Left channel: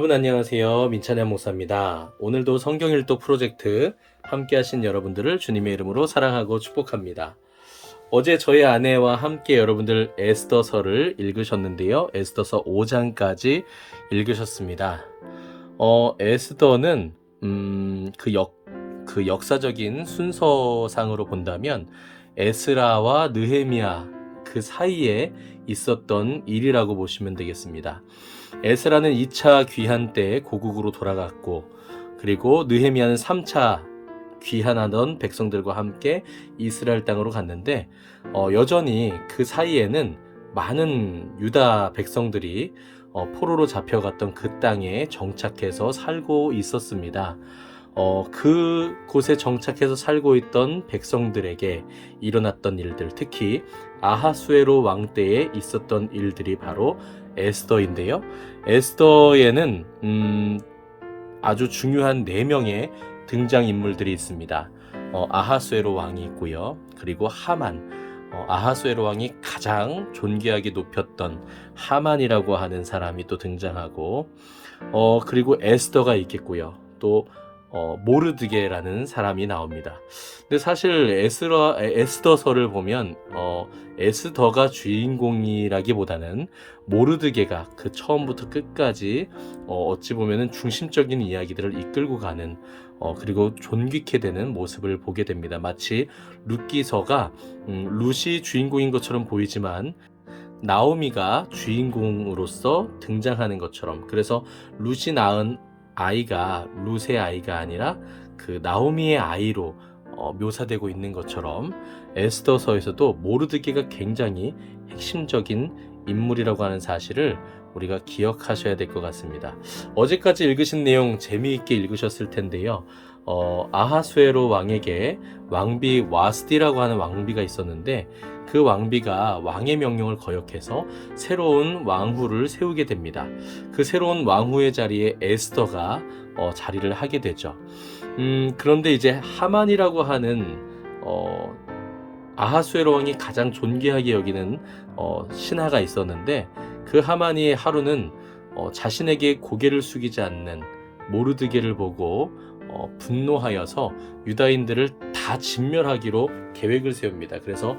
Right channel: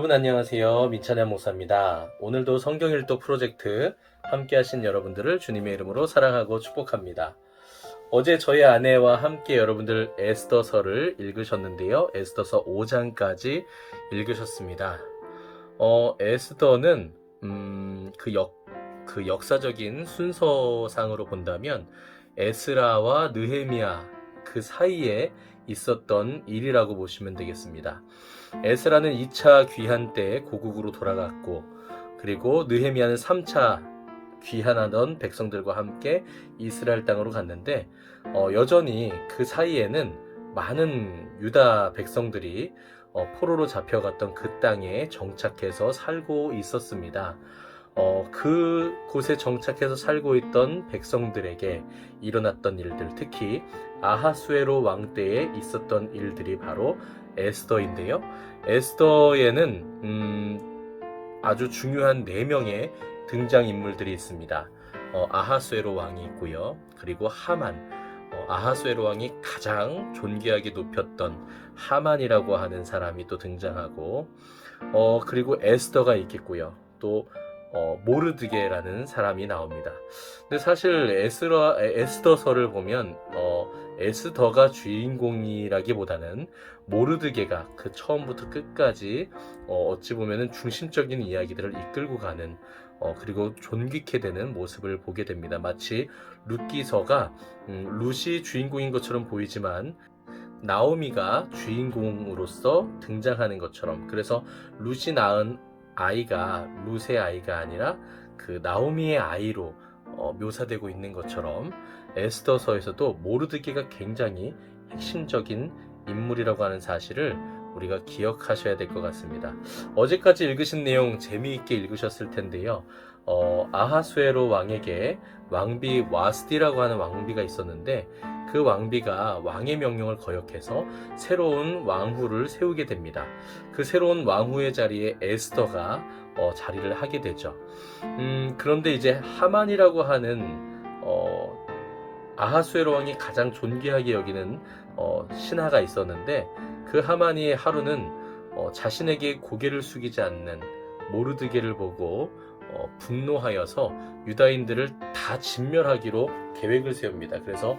여러분 안녕하세요. 민찬양 목사입니다. 오늘도 성경일도 프로젝트 함께 하신 여러분들을 주님의 이름으로 사랑하고 축복합니다. 어제 저희 아내와 함께 여러분들 에스더서를 읽으셨는데요. 에스더서 5장까지 읽으셨습니다. 에스더는 그 역사적인 순서상으로 본다면 에스라와 느헤미야 그 사이에 있었던 일이라고 보시면 되겠습니다. 에스라는 2차 귀환 때 고국으로 돌아갔고, 그리고 느헤미야는 3차 귀환하던 백성들과 함께 이스라엘 땅으로 갔는데, 여전히 그 사이에는 많은 유다 백성들이 포로로 잡혀갔던 그 땅에 정착해서 살고 있었습니다. 그곳에 정착해서 살고 있던 백성들에게 일어났던 일들, 특히 아하수에로 왕 때에 있었던 일들이 바로 에스더인데요. 에스더에는 아주 중요한 4명의 등장인물들이 있습니다. 아하수에로 왕이 있고요. 그리고 하만, 아하수에로 왕이 가장 존귀하게 높였던 하만이라고 하는 사람이 또 등장하고, 그리고 에스더가 있겠고요. 또 모르드게라는 사람이 나옵니다. 근데 사실 에스더서를 보면 에스더가 주인공이라기보다는 모르드게가 그 처음부터 끝까지 어찌 보면은 중심적인 이야기들을 이끌고 가는 그리고 존귀케 되는 모습을 보게 됩니다. 마치 룻기서가 룻이 주인공인 것처럼 보이지만 나오미가 주인공으로서 등장하는 것처럼, 그래서 룻이 낳은 아이가 룻의 아이가 아니라 그 나오미의 아이로 묘사되고 있는 것처럼 에스더서에서도 모르드게가 굉장히 핵심적인 인물이라고 하는 사실을 우리가 기억하셔야 될 것 같습니다. 어제까지 읽으신 내용 재미있게 읽으셨을 텐데요. 아하수에로 왕에게 왕비 와스디라고 하는 왕비가 있었는데, 그 왕비가 왕의 명령을 거역해서 새로운 왕후를 세우게 됩니다. 그 새로운 왕후의 자리에 에스더가 자리를 하게 되죠. 그런데 이제 하만이라고 하는 아하수에로 왕이 가장 존귀하게 여기는 신하가 있었는데, 그 하만이 하루는 자신에게 고개를 숙이지 않는 모르드게를 보고 분노하여서 유다인들을 다 진멸하기로 계획을 세웁니다. 그래서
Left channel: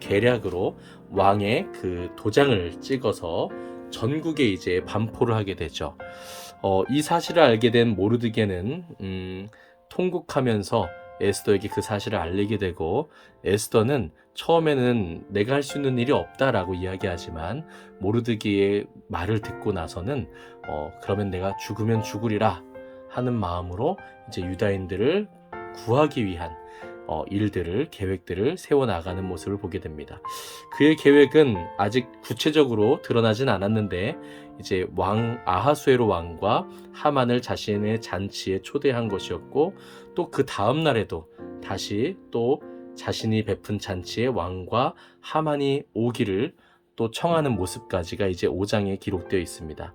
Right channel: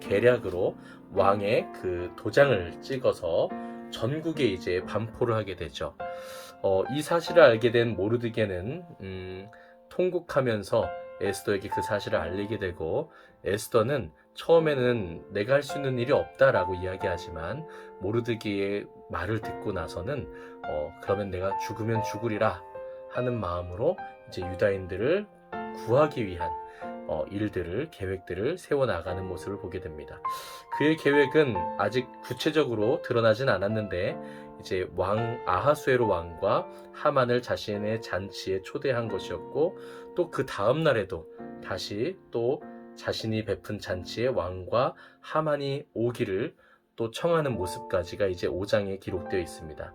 계략으로 왕의 그 도장을 찍어서 전국에 이제 반포를 하게 되죠. 이 사실을 알게 된 모르드게는 통곡하면서 에스더에게 그 사실을 알리게 되고, 에스더는 처음에는 내가 할 수 있는 일이 없다라고 이야기하지만 모르드게의 말을 듣고 나서는 그러면 내가 죽으면 죽으리라 하는 마음으로 이제 유다인들을 구하기 위한 계획들을 세워나가는 모습을 보게 됩니다. 그의 계획은 아직 구체적으로 드러나진 않았는데, 이제 아하수에로 왕과 하만을 자신의 잔치에 초대한 것이었고, 또 그 다음 날에도 다시 또 자신이 베푼 잔치에 왕과 하만이 오기를 또 청하는 모습까지가 이제 5장에 기록되어 있습니다.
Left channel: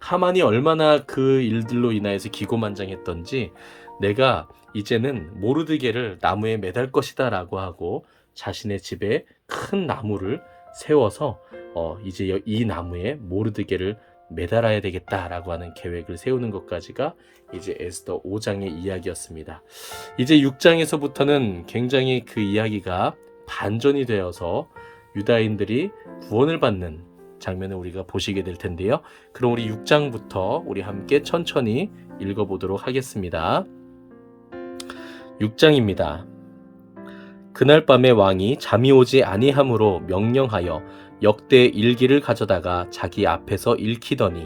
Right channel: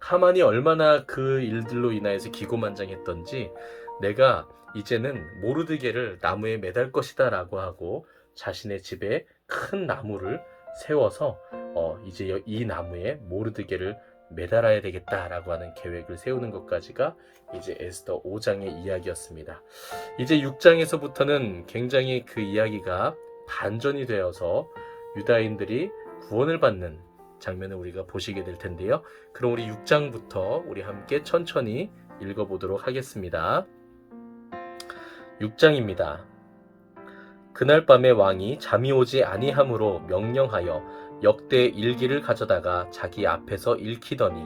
하만이 얼마나 그 일들로 인하여서 기고만장했던지, 내가 이제는 모르드게를 나무에 매달 것이다 라고 하고 자신의 집에 큰 나무를 세워서 이제 이 나무에 모르드게를 매달아야 되겠다라고 하는 계획을 세우는 것까지가 이제 에스더 5장의 이야기였습니다. 이제 6장에서부터는 굉장히 그 이야기가 반전이 되어서 유다인들이 구원을 받는 장면을 우리가 보시게 될 텐데요. 그럼 우리 6장부터 우리 함께 천천히 읽어보도록 하겠습니다. 6장입니다. 그날 밤에 왕이 잠이 오지 아니함으로 명령하여 역대 일기를 가져다가 자기 앞에서 읽히더니,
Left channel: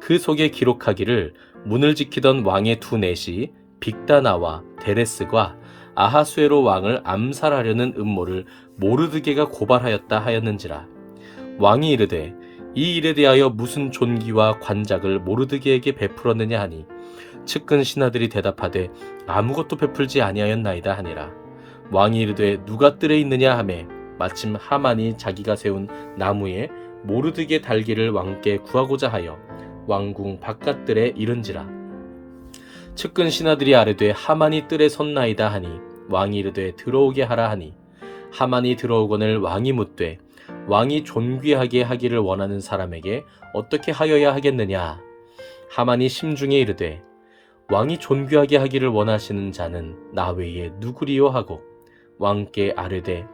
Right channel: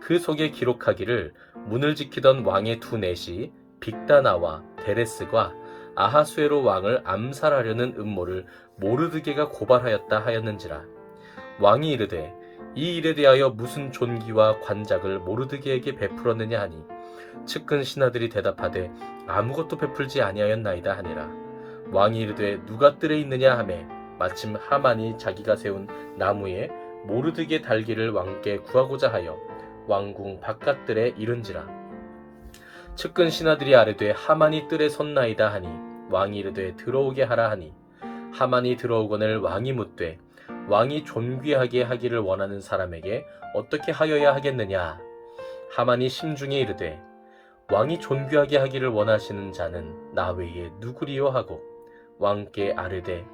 그 속에 기록하기를 문을 지키던 왕의 두 넷이 빅다나와 데레스과 아하수에로 왕을 암살하려는 음모를 모르드게가 고발하였다 하였는지라. 왕이 이르되 이 일에 대하여 무슨 존귀와 관작을 모르드게에게 베풀었느냐 하니, 측근 신하들이 대답하되 아무것도 베풀지 아니하였나이다 하니라. 왕이 이르되 누가 뜰에 있느냐 하매, 마침 하만이 자기가 세운 나무에 모르드게 달기를 왕께 구하고자 하여 왕궁 바깥들에 이른지라. 측근 신하들이 아뢰되 하만이 뜰에 섰나이다 하니, 왕이 이르되 들어오게 하라 하니, 하만이 들어오거늘 왕이 묻되 왕이 존귀하게 하기를 원하는 사람에게 어떻게 하여야 하겠느냐. 하만이 심중에 이르되 왕이 존귀하게 하기를 원하시는 자는 나 외에 누구리요 하고 왕께 아뢰되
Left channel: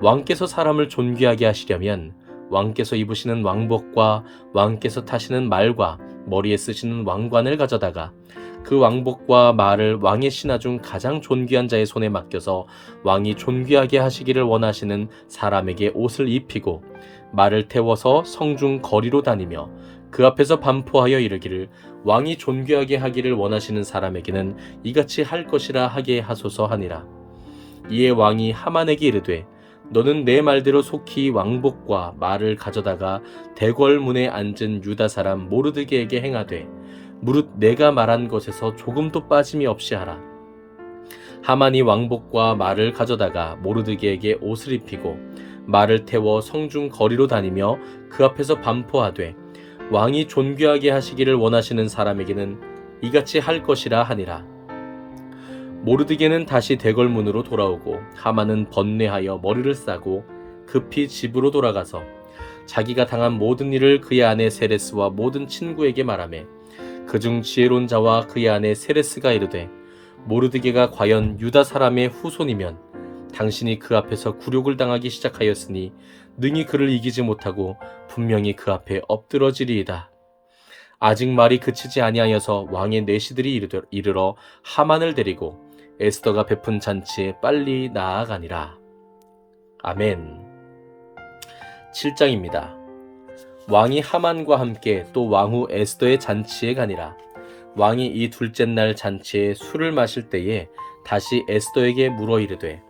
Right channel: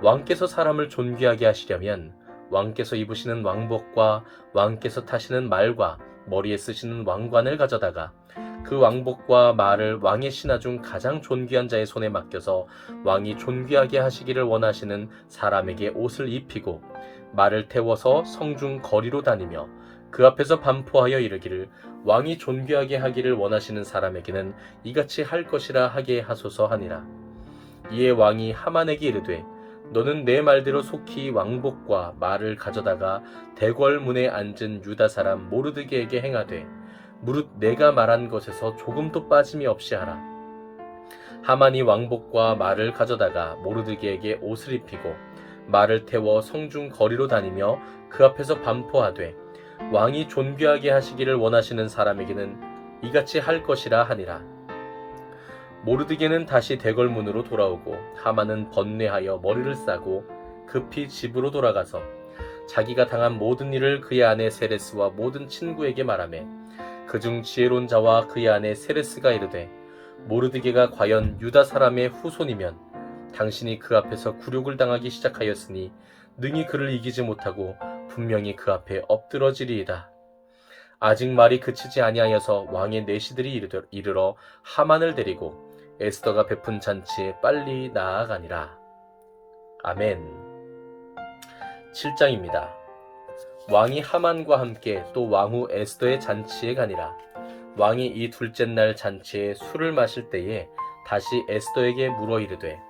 왕께서 사람을 존귀하게 하시려면 왕께서 입으시는 왕복과 왕께서 타시는 말과 머리에 쓰시는 왕관을 가져다가 그 왕복과 말을 왕의 신하 중 가장 존귀한 자의 손에 맡겨서 왕이 존귀하게 하시기를 원하시는 사람에게 옷을 입히고 말을 태워서 성중 거리로 다니며 그 앞에서 반포하여 이르기를 왕이 존귀하게 하기를 원하시는 사람에게는 이같이 할 것이라 하게 하소서 하니라. 이에 왕이 하만에게 이르되 너는 내 말대로 속히 왕복과 말을 가져다가 대궐문에 앉은 유다 사람 모르드게에게 행하되 무릇 내가 말한 것에서 조금도 빠짐이 없이 하라. 하만이 왕복과 말을 가져다가 모르드게에게 옷을 입히고 말을 태워 성중 거리로 다니며 그 앞에서 반포하되 왕이 존귀하게 하시기를 원하시는 사람에게는 이같이 할 것이라 하니라. 모르드게는 다시 대궐문으로 돌아오고 하만은 번뇌하여 머리를 싸고 급히 집으로 돌아가서 자기가 당한 모든 일을 그의 아내 세레스와 모든 친구에게 말하매 그중 지혜로운 자와 그의 아내 세레스가 이르되 모르드게가 과연 유다 사람의 후손이면 당신이 그 앞에서 굴욕을 당하기 시작하였으니 능히 그를 이기지 못하고 분명히 그 앞에 엎드러지리이다. 아직 말이 그치지 아니하여서 왕의 내시들이 이르러 하만을 데리고 에스더가 베푼 잔치에 빨리 나아가니라. 아멘. 7장입니다. 왕이 하만과 함께 또 왕후 에스더의 잔치에 가니라. 왕이 이 둘째 날 잔치에 술을 마실 때에 다시 에스더에게 물어 이르되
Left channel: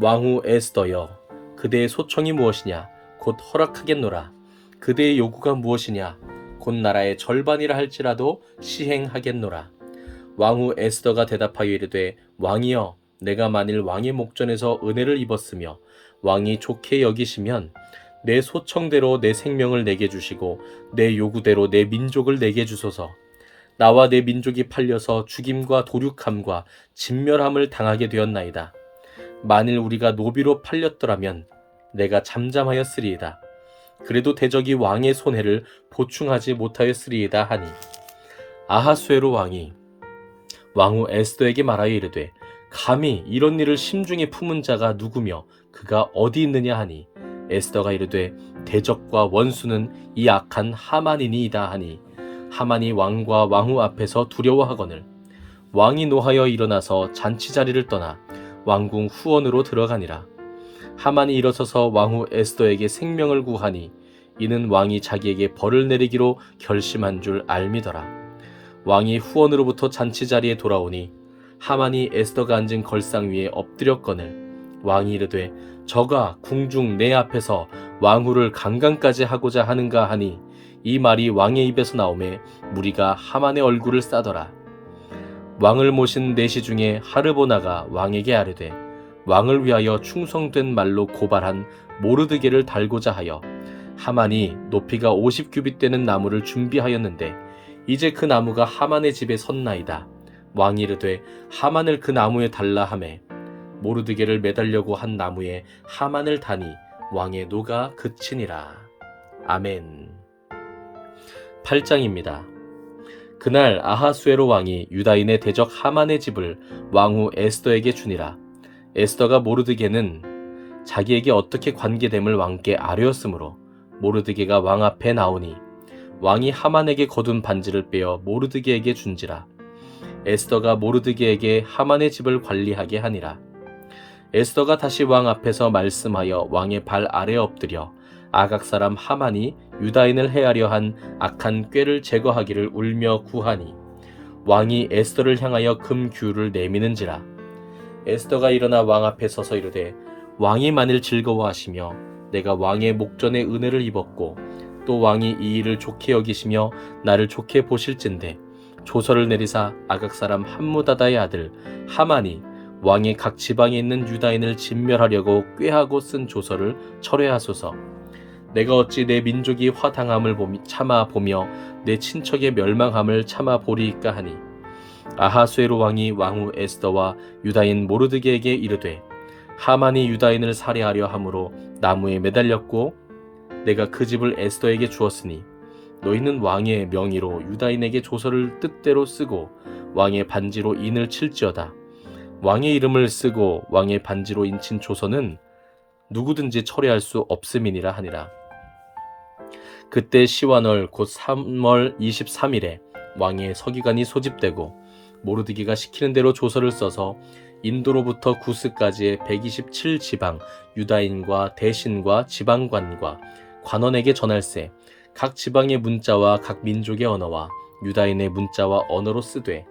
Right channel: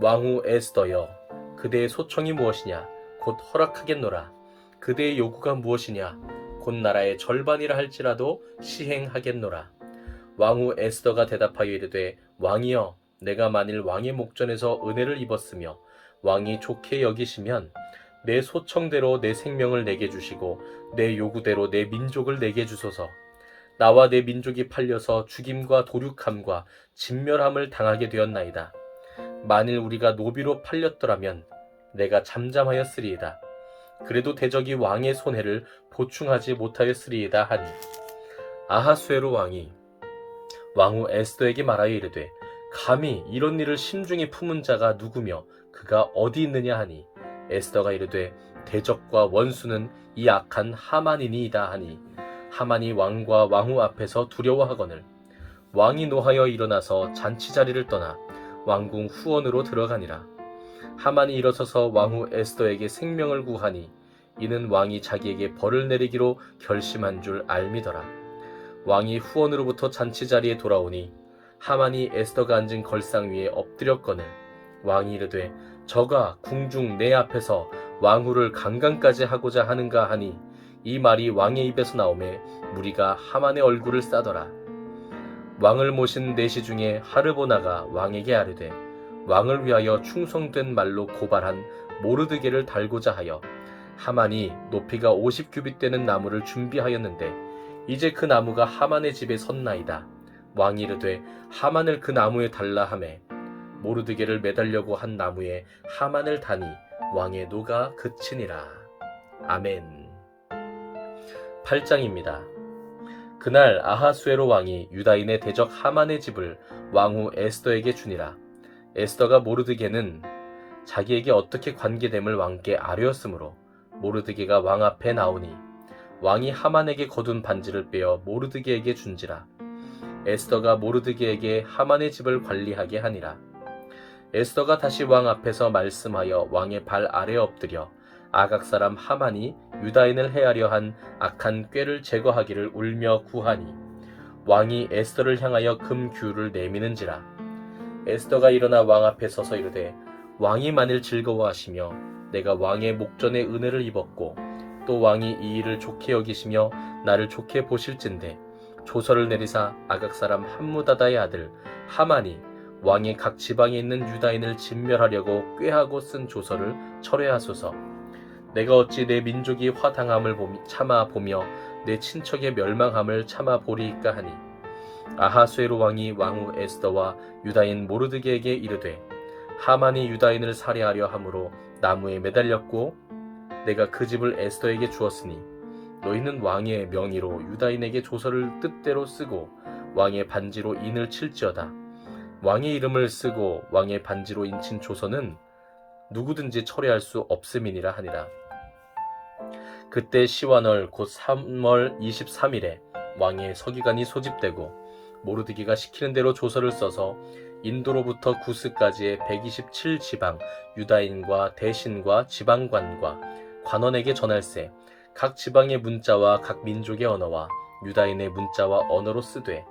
왕후 에스더여 그대의 소청이 무엇이냐 곧 허락하겠노라. 그대의 요구가 무엇이냐 곧 나라의 절반이라 할지라도 시행하겠노라. 왕후 에스더가 대답하여 이르되 왕이여 내가 만일 왕의 목전에서 은혜를 입었으며 왕이 좋게 여기시면 내 소청대로 내 생명을 내게 주시고 내 요구대로 내 민족을 내게 주소서. 나와 내 민족이 팔려서 죽임과 도륙함과 진멸함을 당하게 되었나이다. 만일 우리가 노비로 팔렸더라면 내가 잠잠하였으리이다. 그래도 대적이 왕의 손해를 보충하지 못하였으리이다 하니 아하수에로 왕이 왕후 에스더에게 말하여 이르되 감히 이런 일을 심중에 품은 자가 누구며 그가 어디 있느냐 하니 에스더가 이르되 대적과 원수는 이 악한 하만이니이다 하니 하만이 왕과 왕후 앞에서 두려워하거늘 왕이 노하여 일어나서 잔치 자리를 떠나 왕궁 후원으로 들어가니라. 하만이 일어서서 왕후 에스더에게 생명을 구하니 이는 왕이 자기에게 벌을 내리기로 결심한 줄 알미더라. 왕이 후원으로부터 잔치 자리에 돌아오니 하만이 에스더가 앉은 걸상 위에 엎드렸거늘 왕이 이르되 저가 궁중 내 앞에서 왕후를 강간까지 하고자 하는가 하니 이 말이 왕의 입에서 나오매 무리가 하만의 얼굴을 싸더라. 왕을 모신 내시 중에 하르보나가 왕에게 아뢰되 왕을 위하여 충성된 말로 고발한 모르드게를 달고자 하여 하만이 높이가 50규빗 되는 나무를 준비하였는데 이제 그 나무가 하만의 집에 섰나이다. 왕이 이르되 하만을 그 나무에 달라 하매 모르드게를 매달려고 한 나무에 하만을 다니 왕의 노가 그치니라. 아멘. 8장입니다. 그날 아하수에로 왕이 유다인의 대적 하만의 집을 왕후 에스더에게 주니라. 에스더가 모르드게는 자기에게 어떻게 관계됨을 왕께 아뢰었으므로 모르드게가 왕 앞에 나오니 왕이 하만에게 거둔 반지를 빼어 모르드게에게 준지라. 에스더가 모르드게에게 하만의 집을 관리하게 하니라. 에스더가 다시 왕 앞에서 말씀하여 왕의 발 아래 엎드려 아각 사람 하만이 유다인을 해하려 한 악한 꾀를 제거하기를 울며 구하니 왕이 에스더를 향하여 금규를 내미는지라. 에스더가 일어나 왕 앞에 서서 이르되 왕이 만일 즐거워하시며 내가 왕의 목전에 은혜를 입었고 또 왕이 이 일을 좋게 여기시며 나를 좋게 보실진대 조서를 내리사 아각 사람 함무다다의 아들 하만이 왕이 각 지방에 있는 유다인을 진멸하려고 꾀하고 쓴 조서를 철회하소서. 내가 어찌 내 민족이 화당함을 참아 보며 내 친척의 멸망함을 참아 보리이까 하니 아하수에로 왕이 왕후 에스더와 유다인 모르드게에게 이르되 하만이 유다인을 살해하려 함으로 나무에 매달렸고 내가 그 집을 에스더에게 주었으니 너희는 왕의 명의로 유다인에게 조서를 뜻대로 쓰고 왕의 반지로 인을 칠지어다. 왕의 이름을 쓰고 왕의 반지로 인친 조서는 누구든지 철회할 수 없음이니라 하니라. 그때 시완월 곧 3월 23일에 왕의 서기관이 소집되고 모르드기가 시키는 대로 조서를 써서 인도로부터 구스까지의 127지방 유다인과 대신과 지방관과 관원에게 전할세. 각 지방의 문자와 각 민족의 언어와 유다인의 문자와 언어로 쓰되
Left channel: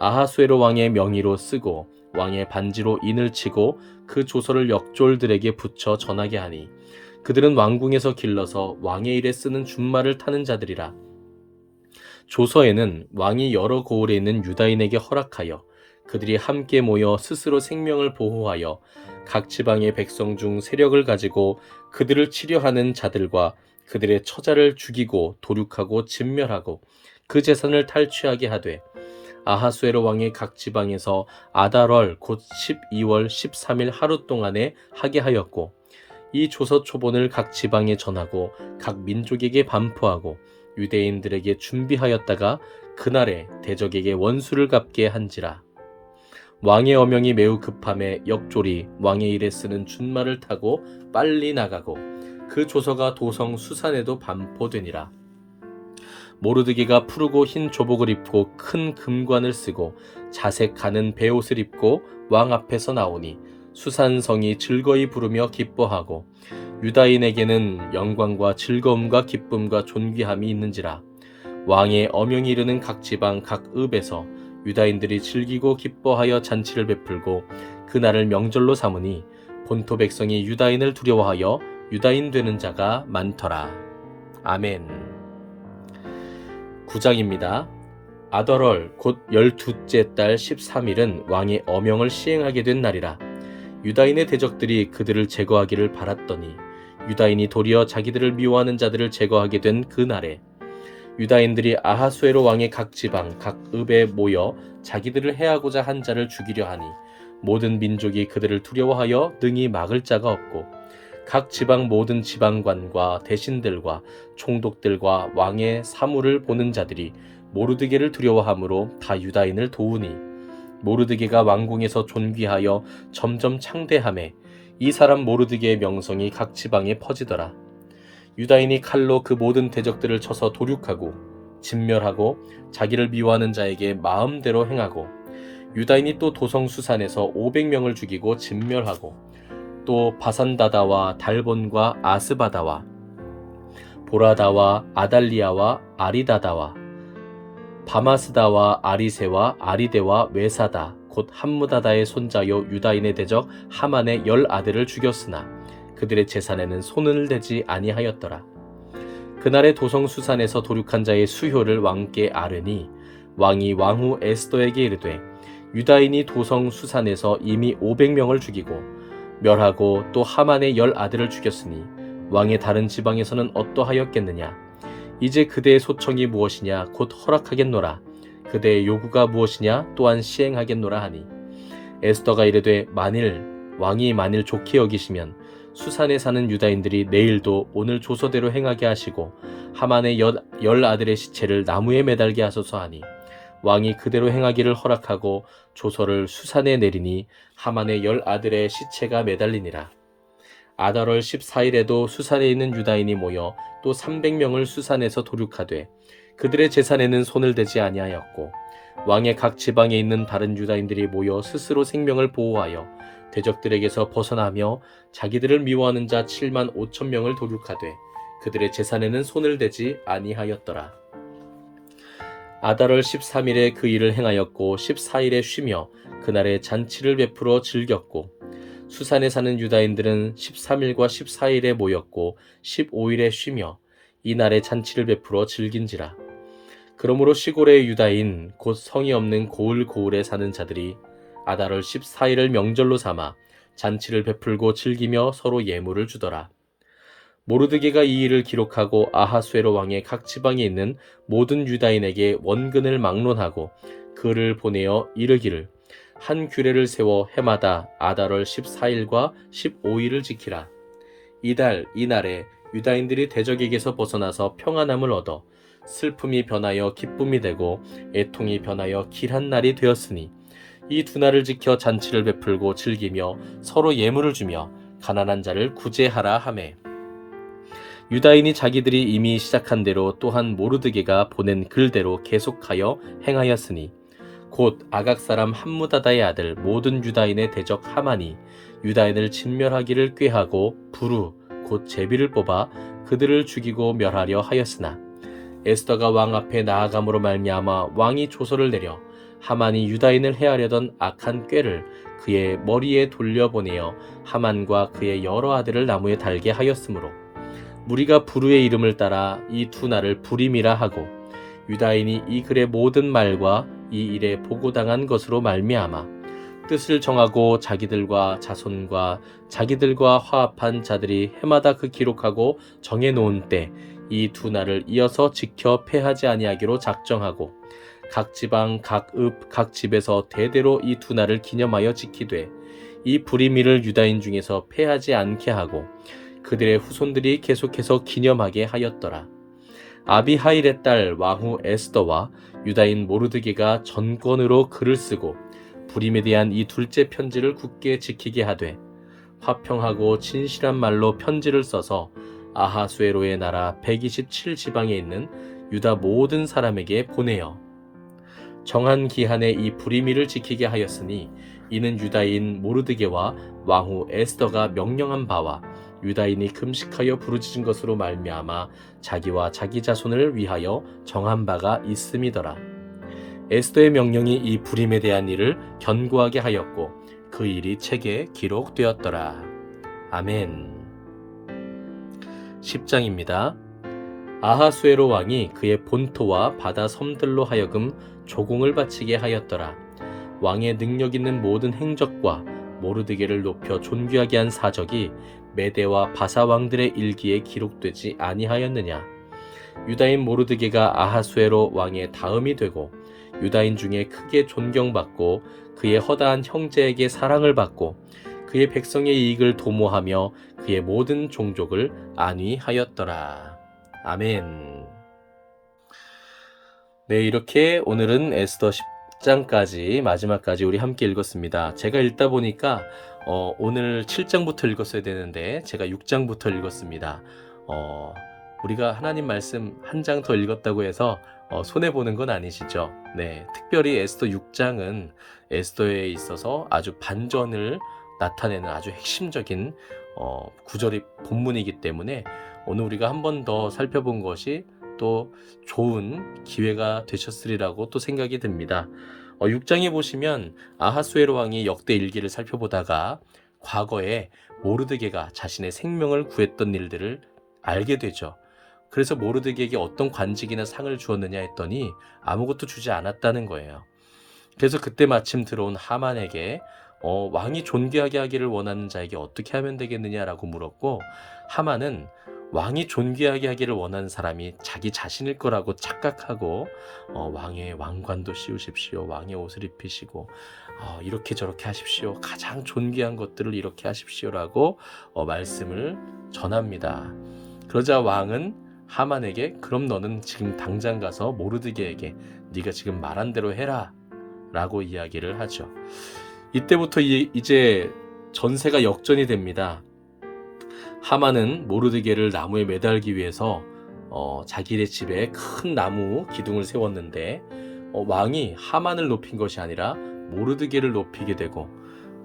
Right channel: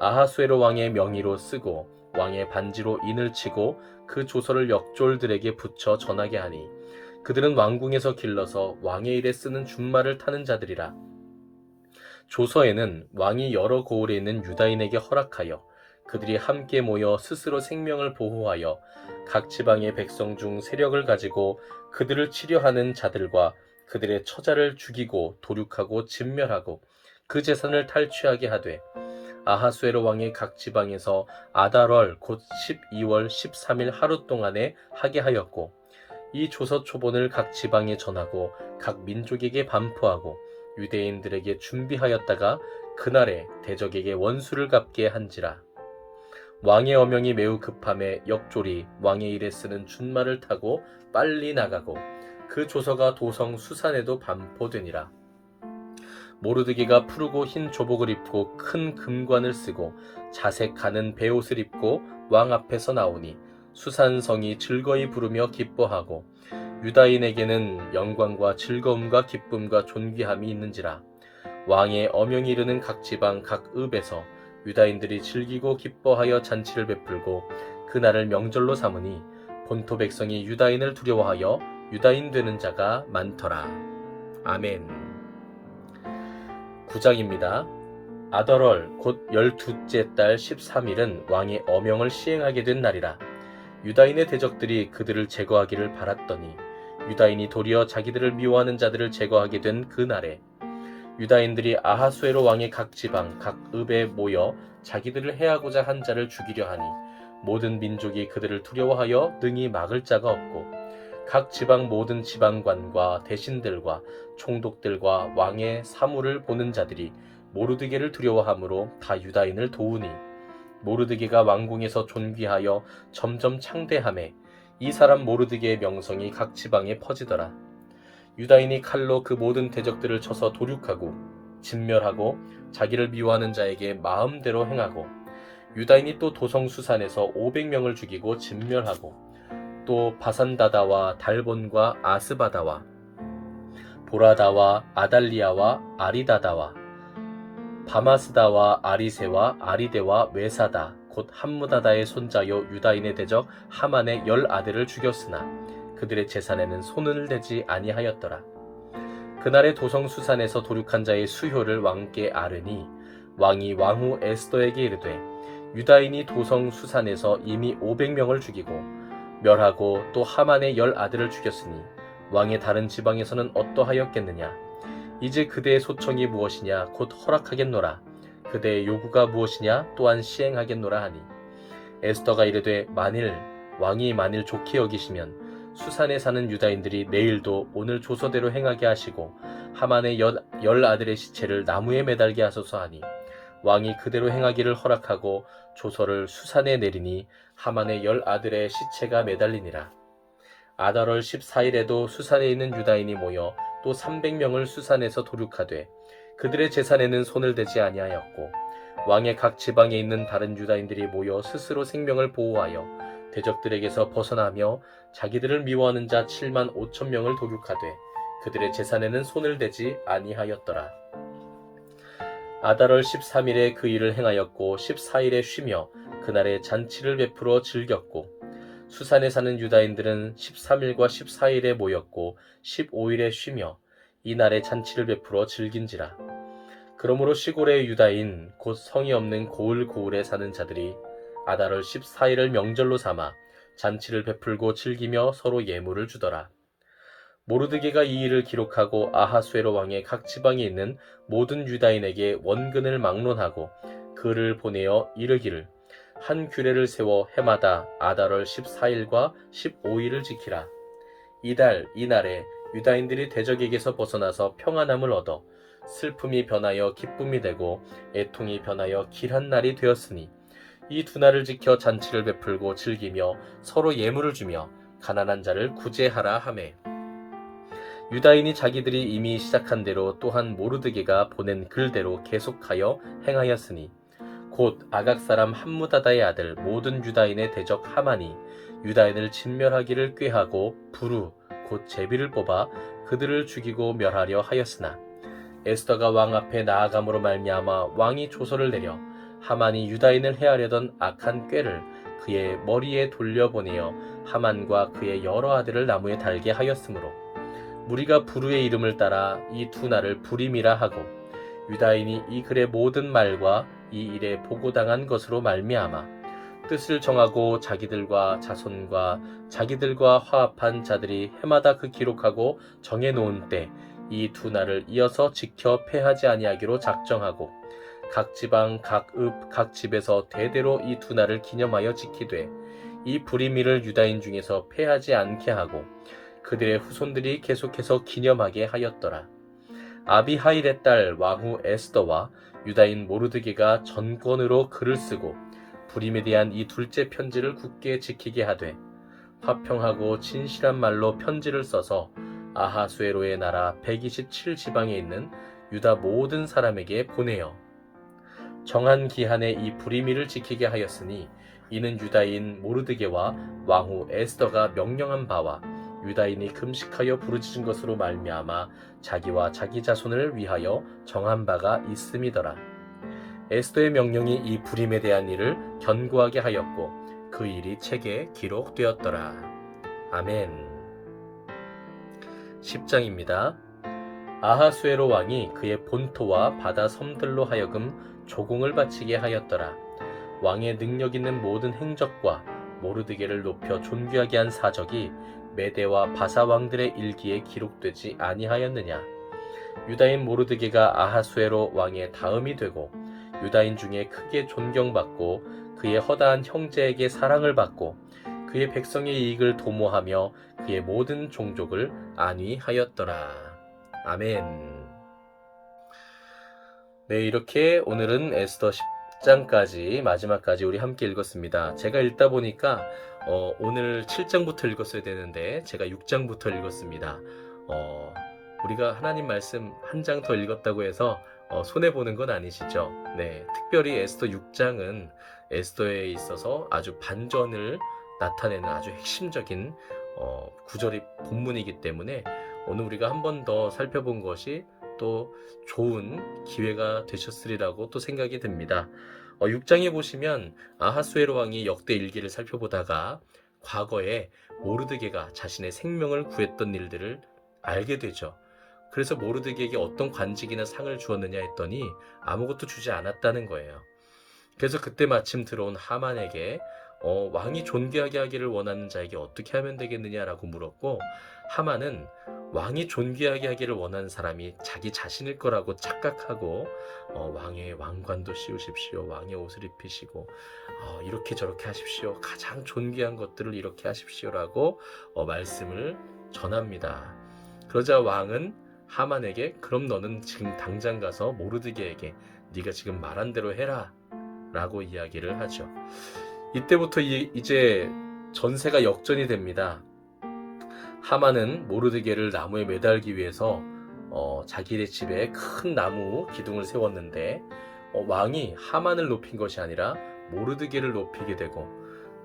아하수에로 왕의 명의로 쓰고 왕의 반지로 인을 치고 그 조서를 역졸들에게 붙여 전하게 하니 그들은 왕궁에서 길러서 왕의 일에 쓰는 준말을 타는 자들이라. 조서에는 왕이 여러 고을에 있는 유다인에게 허락하여 그들이 함께 모여 스스로 생명을 보호하여 각 지방의 백성 중 세력을 가지고 그들을 치려하는 자들과 그들의 처자를 죽이고 도륙하고 진멸하고 그 재산을 탈취하게 하되 아하수에로 왕의 각 지방에서 아달월 곧 12월 13일 하루 동안에 하게 하였고 이 조서 초본을 각 지방에 전하고 각 민족에게 반포하고 유대인들에게 준비하였다가 그날에 대적에게 원수를 갚게 한지라. 왕의 어명이 매우 급함에 역졸이 왕의 일에 쓰는 준말을 타고 빨리 나가고 그 조서가 도성 수산에도 반포되니라. 모르드기가 푸르고 흰 조복을 입고 큰 금관을 쓰고 자색 가는 베옷을 입고 왕 앞에서 나오니 수산성이 즐거이 부르며 기뻐하고 유다인에게는 영광과 즐거움과 기쁨과 존귀함이 있는지라. 왕의 어명이 이르는 각 지방 각 읍에서 유다인들이 즐기고 기뻐하여 잔치를 베풀고 그날을 명절로 삼으니 본토 백성이 유다인을 두려워하여 유다인 되는 자가 많더라. 아멘. 9장입니다. 아달월 곧 12째 달 13일은 왕의 어명을 시행하게 된 날이라. 유다인의 대적들이 그들을 제거하기를 바랐더니 유다인이 도리어 자기들을 미워하는 자들을 제거하게 된 그 날에 유다인들이 아하수에로 왕의 각 지방 각 읍에 모여 자기들을 해하고자 한 자를 죽이려 하니 모든 민족이 그들을 두려워하여 능히 막을 자가 없고 각 지방 모든 지방관과 대신들과 총독들과 왕의 사물을 보는 자들이 모르드게를 두려워하므로 다 유다인을 도우니 모르드게가 왕궁에서 존귀하여 점점 창대하매 이 사람 모르드게의 명성이 각 지방에 퍼지더라. 유다인이 칼로 그 모든 대적들을 쳐서 도륙하고 진멸하고 자기를 미워하는 자에게 마음대로 행하고 유다인이 또 도성 수산에서 500명을 죽이고 진멸하고 또 바산다다와 달본과 아스바다와 보라다와 아달리아와 아리다다와 바마스다와 아리세와 아리데와 외사다 곧 함무다다의 손자요 유다인의 대적 하만의 10아들을 죽였으나 그들의 재산에는 손을 대지 아니하였더라. 그날의 도성 수산에서 도륙한 자의 수효를 왕께 아뢰니 왕이 왕후 에스더에게 이르되 유다인이 도성 수산에서 이미 500명을 죽이고 멸하고 또 하만의 10아들을 죽였으니 왕의 다른 지방에서는 어떠하였겠느냐. 이제 그대의 소청이 무엇이냐 곧 허락하겠노라. 그대의 요구가 무엇이냐 또한 시행하겠노라 하니 에스더가 이르되 왕이 만일 좋게 여기시면 수산에 사는 유다인들이 내일도 오늘 조서대로 행하게 하시고 하만의 10아들의 시체를 나무에 매달게 하소서 하니 왕이 그대로 행하기를 허락하고 조서를 수산에 내리니 하만의 10아들의 시체가 매달리니라. 아달월 14일에도 수산에 있는 유다인이 모여 또 300명을 수산에서 도륙하되 그들의 재산에는 손을 대지 아니하였고 왕의 각 지방에 있는 다른 유다인들이 모여 스스로 생명을 보호하여 대적들에게서 벗어나며 자기들을 미워하는 자 7만 5천 명을 도륙하되 그들의 재산에는 손을 대지 아니하였더라. 아달월 13일에 그 일을 행하였고 14일에 쉬며 그날에 잔치를 베풀어 즐겼고 수산에 사는 유다인들은 13일과 14일에 모였고 15일에 쉬며 이날에 잔치를 베풀어 즐긴지라. 그러므로 시골의 유다인 곧 성이 없는 고을에 사는 자들이 아달월 14일을 명절로 삼아 잔치를 베풀고 즐기며 서로 예물을 주더라. 모르드게가 이 일을 기록하고 아하수에로 왕의 각 지방에 있는 모든 유다인에게 원근을 막론하고 글을 보내어 이르기를 한 규례를 세워 해마다 아달월 14일과 15일을 지키라. 이날에 유다인들이 대적에게서 벗어나서 평안함을 얻어 슬픔이 변하여 기쁨이 되고 애통이 변하여 길한 날이 되었으니 이 두 날을 지켜 잔치를 베풀고 즐기며 서로 예물을 주며 가난한 자를 구제하라 하매 유다인이 자기들이 이미 시작한 대로 또한 모르드게가 보낸 글대로 계속하여 행하였으니 곧 아각 사람 함무다다의 아들 모든 유다인의 대적 하만이 유다인을 진멸하기를 꾀하고 부루 곧 제비를 뽑아 그들을 죽이고 멸하려 하였으나 에스더가 왕 앞에 나아감으로 말미암아 왕이 조서를 내려 하만이 유다인을 해하려던 악한 꾀를 그의 머리에 돌려보내어 하만과 그의 여러 아들을 나무에 달게 하였으므로 무리가 부루의 이름을 따라 이 두 날을 부림이라 하고 유다인이 이 글의 모든 말과 이 일에 보고당한 것으로 말미암아 뜻을 정하고 자기들과 자손과 자기들과 화합한 자들이 해마다 그 기록하고 정해놓은 때 이 두 날을 이어서 지켜 패하지 아니하기로 작정하고 각 지방 각 읍 각 집에서 대대로 이 두 날을 기념하여 지키되 이 부림일을 유다인 중에서 패하지 않게 하고 그들의 후손들이 계속해서 기념하게 하였더라. 아비하일의 딸 왕후 에스더와 유다인 모르드게가 전권으로 글을 쓰고 부림에 대한 이 둘째 편지를 굳게 지키게 하되 화평하고 진실한 말로 편지를 써서 아하수에로의 나라 127지방에 있는 유다 모든 사람에게 보내어 정한 기한에 이 부림일을 지키게 하였으니 이는 유다인 모르드게와 왕후 에스더가 명령한 바와 유다인이 금식하여 부르짖은 것으로 말미암아 자기와 자기 자손을 위하여 정한 바가 있음이더라. 에스더의 명령이 이 부림에 대한 일을 견고하게 하였고 그 일이 책에 기록되었더라. 아멘. 10장입니다. 아하수에로 왕이 그의 본토와 바다 섬들로 하여금 조공을 바치게 하였더라. 왕의 능력 있는 모든 행적과 모르드게를 높여 존귀하게 한 사적이 메대와 바사 왕들의 일기에 기록되지 아니하였느냐. 유다인 모르드게가 아하수에로 왕의 다음이 되고 유다인 중에 크게 존경받고 그의 허다한 형제에게 사랑을 받고 그의 백성의 이익을 도모하며 그의 모든 종족을 안위하였더라. 아멘. 네, 이렇게 오늘은 에스더 10장까지 마지막까지 우리 함께 읽었습니다. 제가 읽다 보니까 오늘 7장부터 읽었어야 되는데 제가 6장부터 읽었습니다. 우리가 하나님 말씀 한 장 더 읽었다고 해서 손해보는 건 아니시죠? 네, 특별히 에스더 6장은 에스더에 있어서 아주 반전을 나타내는 아주 핵심적인 구절이 본문이기 때문에 오늘 우리가 한 번 더 살펴본 것이 또 좋은 기회가 되셨으리라고 또 생각이 듭니다. 6장에 보시면 아하수에로 왕이 역대 일기를 살펴보다가 과거에 모르드게가 자신의 생명을 구했던 일들을 알게 되죠. 그래서 모르드게에게 어떤 관직이나 상을 주었느냐 했더니 아무것도 주지 않았다는 거예요. 그래서 그때 마침 들어온 하만에게 왕이 존귀하게 하기를 원하는 자에게 어떻게 하면 되겠느냐라고 물었고 하만은 왕이 존귀하게 하기를 원하는 사람이 자기 자신일 거라고 착각하고 왕의 왕관도 씌우십시오. 왕의 옷을 입히시고 이렇게 저렇게 하십시오. 가장 존귀한 것들을 이렇게 하십시오라고 말씀을 전합니다. 그러자 왕은 하만에게 그럼 너는 지금 당장 가서 모르드게에게 네가 지금 말한 대로 해라 라고 이야기를 하죠. 이때부터 이제 전세가 역전이 됩니다. 하만은 모르드게를 나무에 매달기 위해서 자기네 집에 큰 나무 기둥을 세웠는데 왕이 하만을 높인 것이 아니라 모르드게를 높이게 되고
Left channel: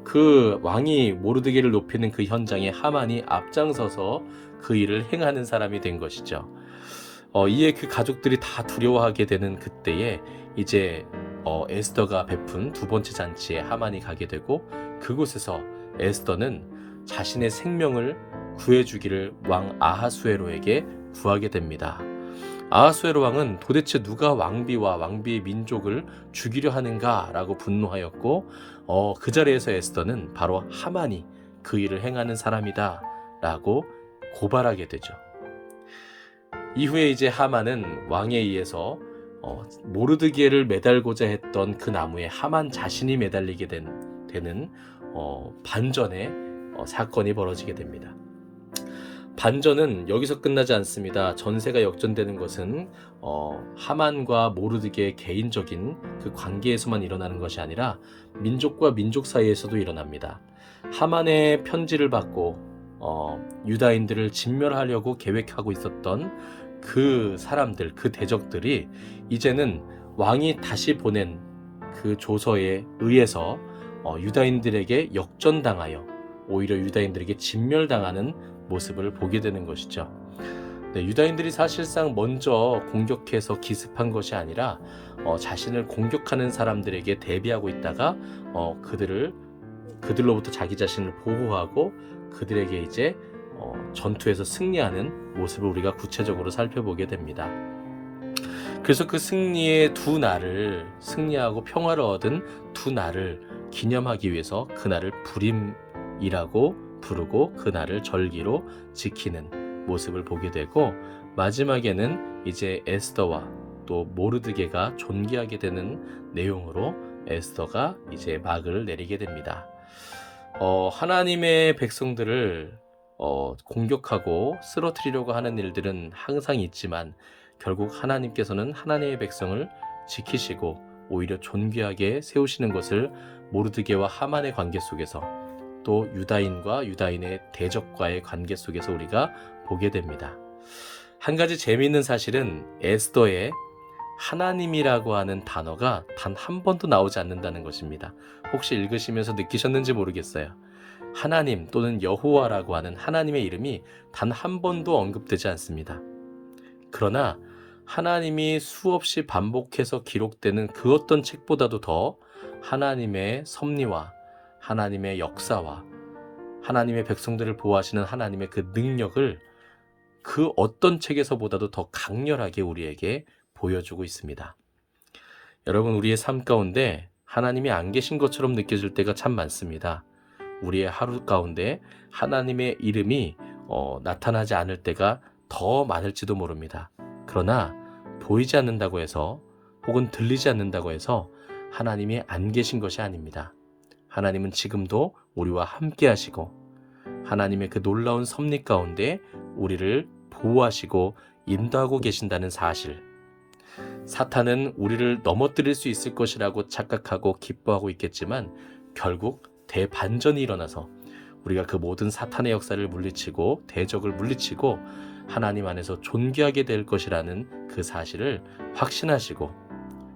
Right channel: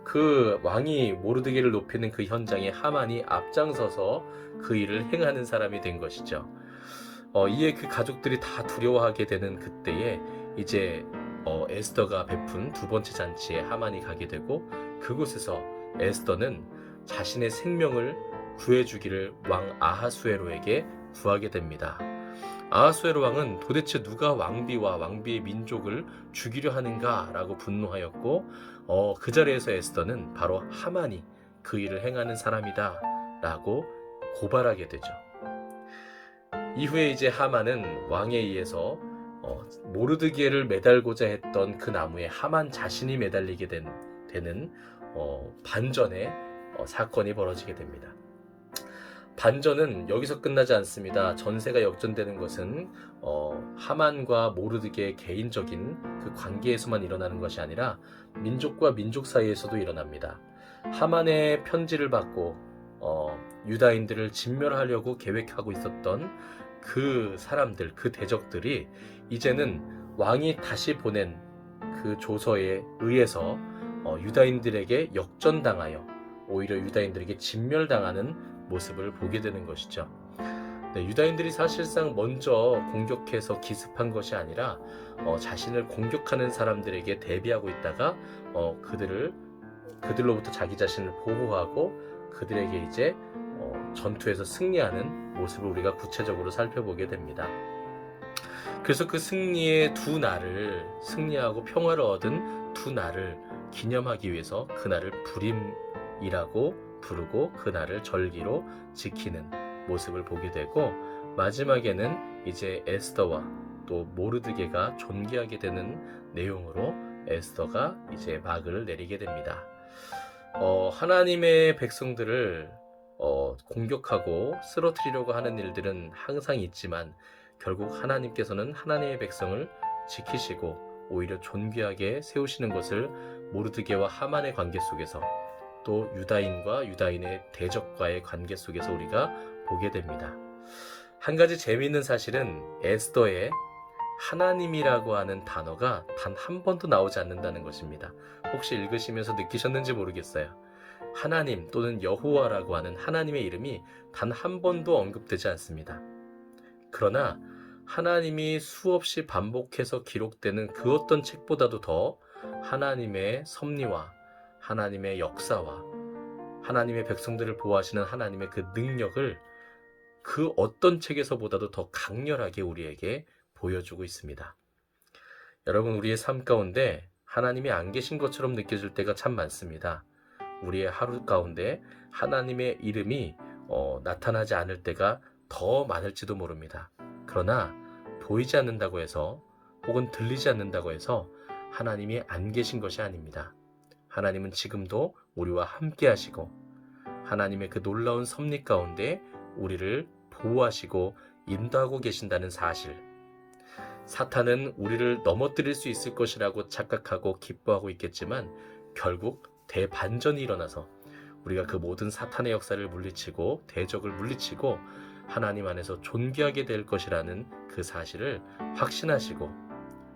그 왕이 모르드게를 높이는 그 현장에 하만이 앞장서서 그 일을 행하는 사람이 된 것이죠. 이에 그 가족들이 다 두려워하게 되는 그때에 이제 에스더가 베푼 두 번째 잔치에 하만이 가게 되고 그곳에서 에스더는 자신의 생명을 구해주기를 왕 아하수에로에게 구하게 됩니다. 아하수에로 왕은 도대체 누가 왕비와 왕비의 민족을 죽이려 하는가 라고 분노하였고 그 자리에서 에스더는 바로 하만이 그 일을 행하는 사람이다 라고 고발하게 되죠. 이후에 이제 하만은 왕에 의해서 모르드게를 매달고자 했던 그 나무에 하만 자신이 매달리게 되는 반전의 사건이 벌어지게 됩니다. 반전은 여기서 끝나지 않습니다. 전세가 역전되는 것은 하만과 모르드게의 개인적인 그 관계에서만 일어나는 것이 아니라 민족과 민족 사이에서도 일어납니다. 하만의 편지를 받고 유다인들을 진멸하려고 계획하고 있었던 그 사람들, 그 대적들이 이제는 왕이 다시 보낸 그 조서에 의해서 유다인들에게 역전당하여 오히려 유다인들에게 진멸당하는 모습을 보게 되는 것이죠. 네, 유다인들이 사실상 먼저 공격해서 기습한 것이 아니라 자신을 공격하는 사람들에게 대비하고 있다가 그들로부터 자기 자신을 보호하고 그들에게 이제 전투에서 승리하는 모습을 우리가 구체적으로 살펴보게 됩니다. 그래서 그 승리의 두 날을, 승리하고 평화를 얻은 두 날을 기념하기 위해서 그날을 부림이라고 부르고 그날을 절기로 지키는 모습을 보게 되고, 마지막에는 이제 에스더와 또 모르드게가 존귀하게 되는 내용으로 에스더가 이제 막을 내리게 됩니다. 하나님의 백성들을 공격하고 쓰러뜨리려고 하는 일들은 항상 있지만 결국 하나님께서는 하나님의 백성을 지키시고 오히려 존귀하게 세우시는 것을 모르드게와 하만의 관계 속에서, 또 유다인과 유다인의 대적과의 관계 속에서 우리가 보게 됩니다. 한 가지 재미있는 사실은 에스더에 하나님이라고 하는 단어가 단 한 번도 나오지 않는다는 것입니다. 혹시 읽으시면서 느끼셨는지 모르겠어요. 하나님 또는 여호와라고 하는 하나님의 이름이 단 한 번도 언급되지 않습니다. 그러나 하나님이 수없이 반복해서 기록되는 그 어떤 책보다도 더 하나님의 섭리와 하나님의 역사와 하나님의 백성들을 보호하시는 하나님의 그 능력을 그 어떤 책에서보다도 더 강렬하게 우리에게 보여주고 있습니다. 여러분, 우리의 삶 가운데 하나님이 안 계신 것처럼 느껴질 때가 참 많습니다. 우리의 하루 가운데 하나님의 이름이 나타나지 않을 때가 더 많을지도 모릅니다. 그러나 보이지 않는다고 해서 혹은 들리지 않는다고 해서 하나님이 안 계신 것이 아닙니다. 하나님은 지금도 우리와 함께 하시고 하나님의 그 놀라운 섭리 가운데 우리를 보호하시고 인도하고 계신다는 사실, 사탄은 우리를 넘어뜨릴 수 있을 것이라고 착각하고 기뻐하고 있겠지만 결국 대반전이 일어나서 우리가 그 모든 사탄의 역사를 물리치고 대적을 물리치고 하나님 안에서 존귀하게 될 것이라는 그 사실을 확신하시고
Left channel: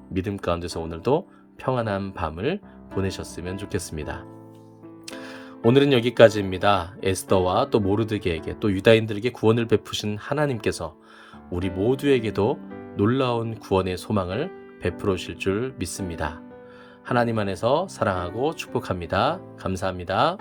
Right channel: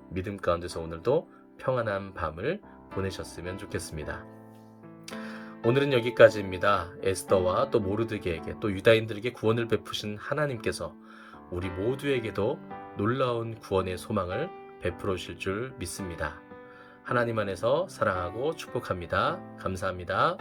믿음 가운데서 오늘도 평안한 밤을 보내셨으면 좋겠습니다. 오늘은 여기까지입니다. 에스더와 또 모르드게에게 또 유다인들에게 구원을 베푸신 하나님께서 우리 모두에게도 놀라운 구원의 소망을 베풀어 주실 줄 믿습니다. 하나님 안에서 사랑하고 축복합니다. 감사합니다.